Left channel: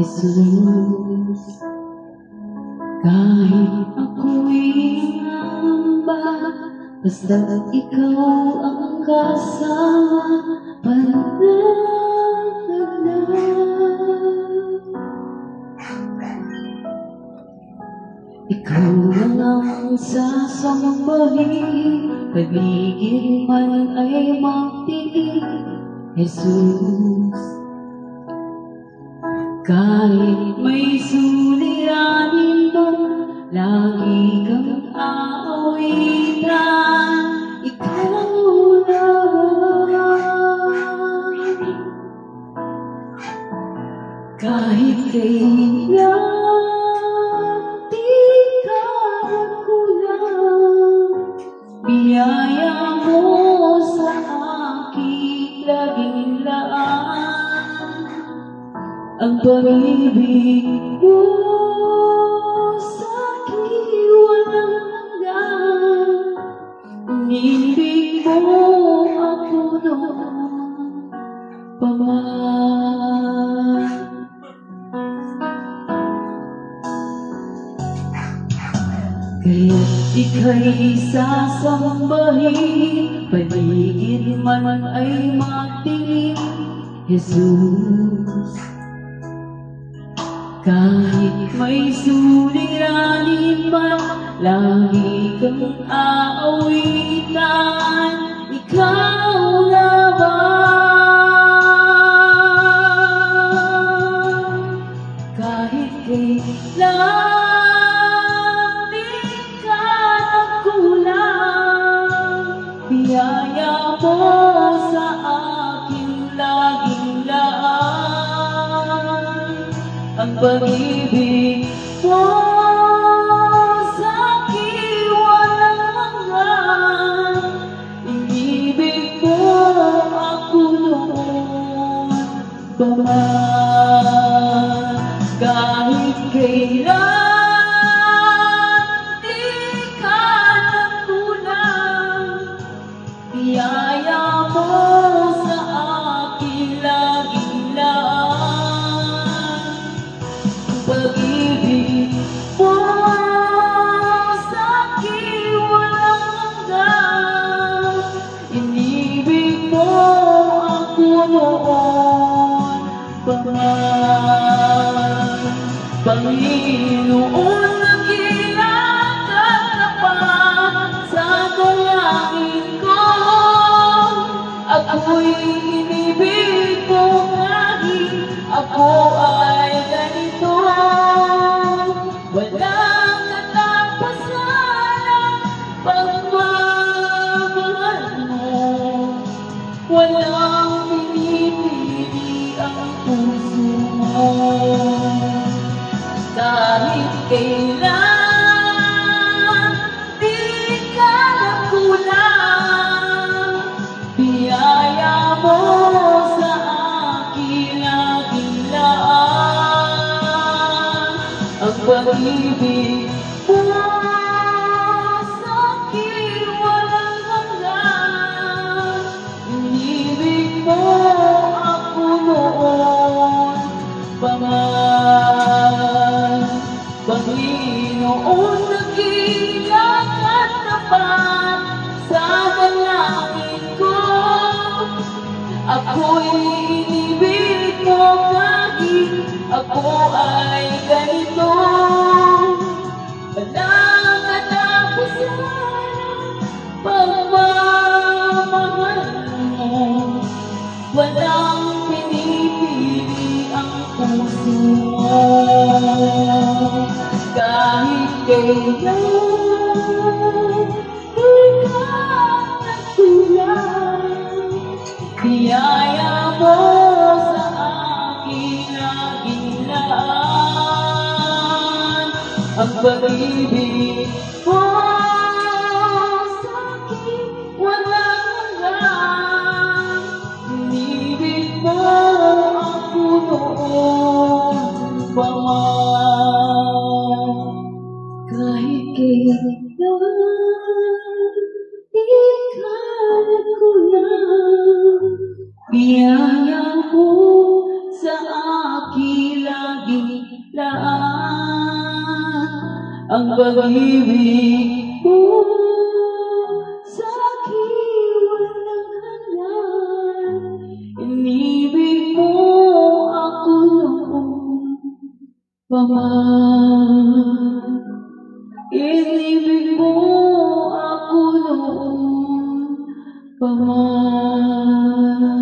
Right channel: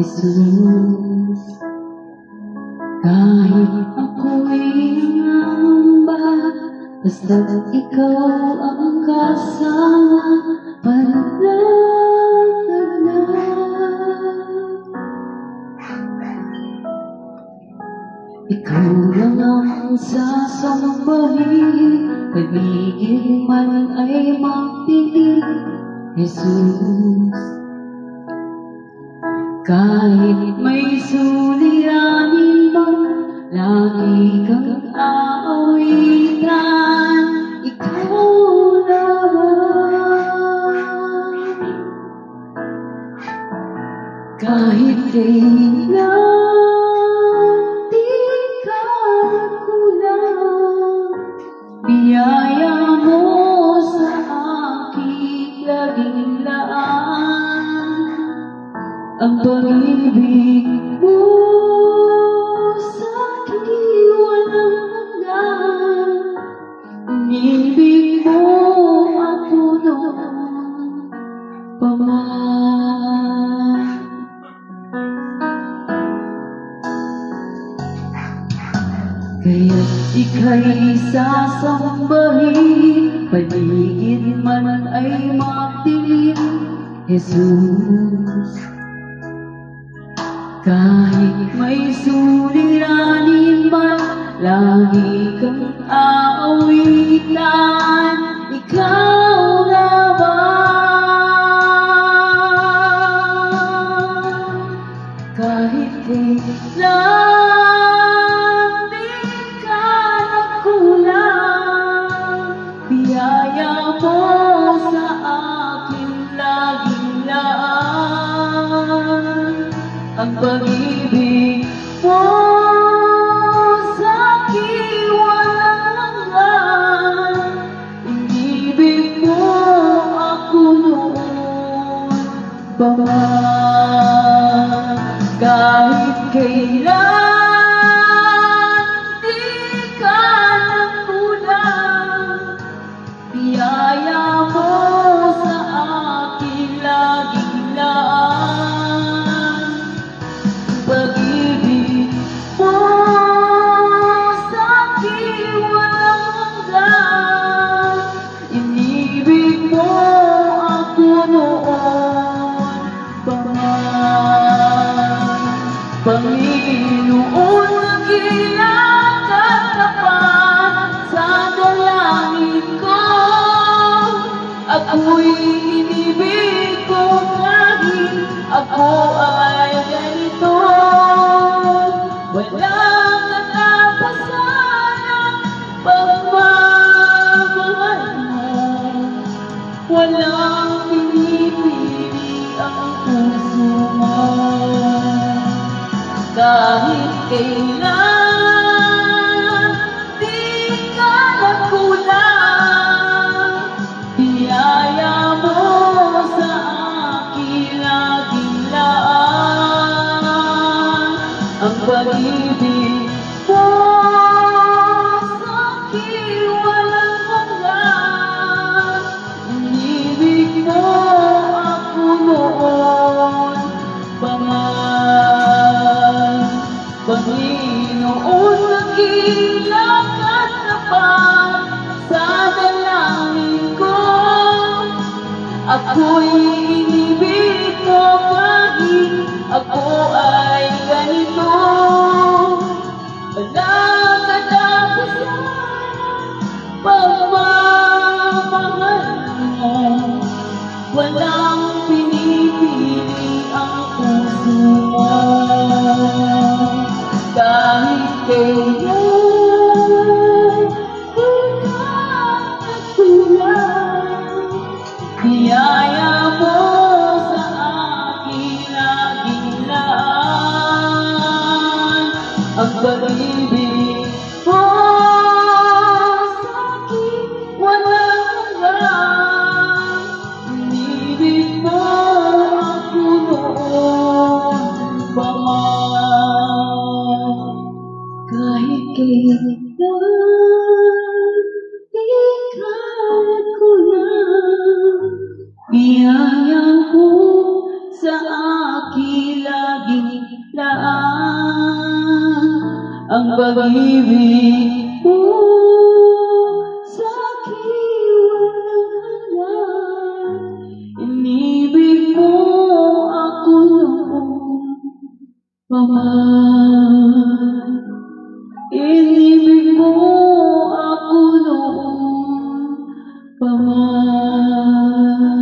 Jesus. Kahit ako'y nangamba, basta't ikaw ang kasama, panatag na. Ikaw lang ang sasambahin, paligid man ay magtiig, Jesus. Kahit may suliranin man, lagi kang aawitan, ikaw naman. Kahit kailan di ka kulang, biyaya mo sa aking laging laan. Ang pag-ibig mo sa'kin walang hanggan, inibig mo ako noon pa man. Kaya't ika'y sasambahin, paligid man ay magdilim, Jesus. Kahit may suliranin man, lagi kang aawitan, ikaw naman. Kahit kailan di ka nagkulang, biyaya mo sa aking laging laan. Ang pag-ibig mo sa'kin walang hanggan, inibig mo ako noon pa man. Kahit kailan di ka nagkulang, biyaya mo sa aking laging laan. Pag-ibig mo sa'kin walang hanggan, inibig mo ako noon pa man. Panginoon, nagilang katapat sa dalangin ko, ako'y inibig ko kahit ako ay ganito. Walang katapusan ang pagmamahal mo, walang pinipili ang puso mo. Kahit kailan di ka nagkulang, biyaya mo sa aking laging laan. Ang pag-ibig mo sa'kin walang hanggan, inibig mo ako noon pa man. Panginoon, nagilang katapat sa dalangin ko, ako'y inibig mo kahit ako ay ganito. Walang katapusan pagmamahal mo, walang pinipili ang puso mo. Kahit kailan di ka nagkulang, biyaya mo sa aking laging laan. Ang pag-ibig mo sa'kin walang hanggan, inibig mo ako noon pa man. Kahit kailan di ka nagkulang, biyaya mo sa aking lagi pag-ibig mo sa aking walang hanggan. Inibig mo ako noon pa man. Inibig mo ako noon pa man.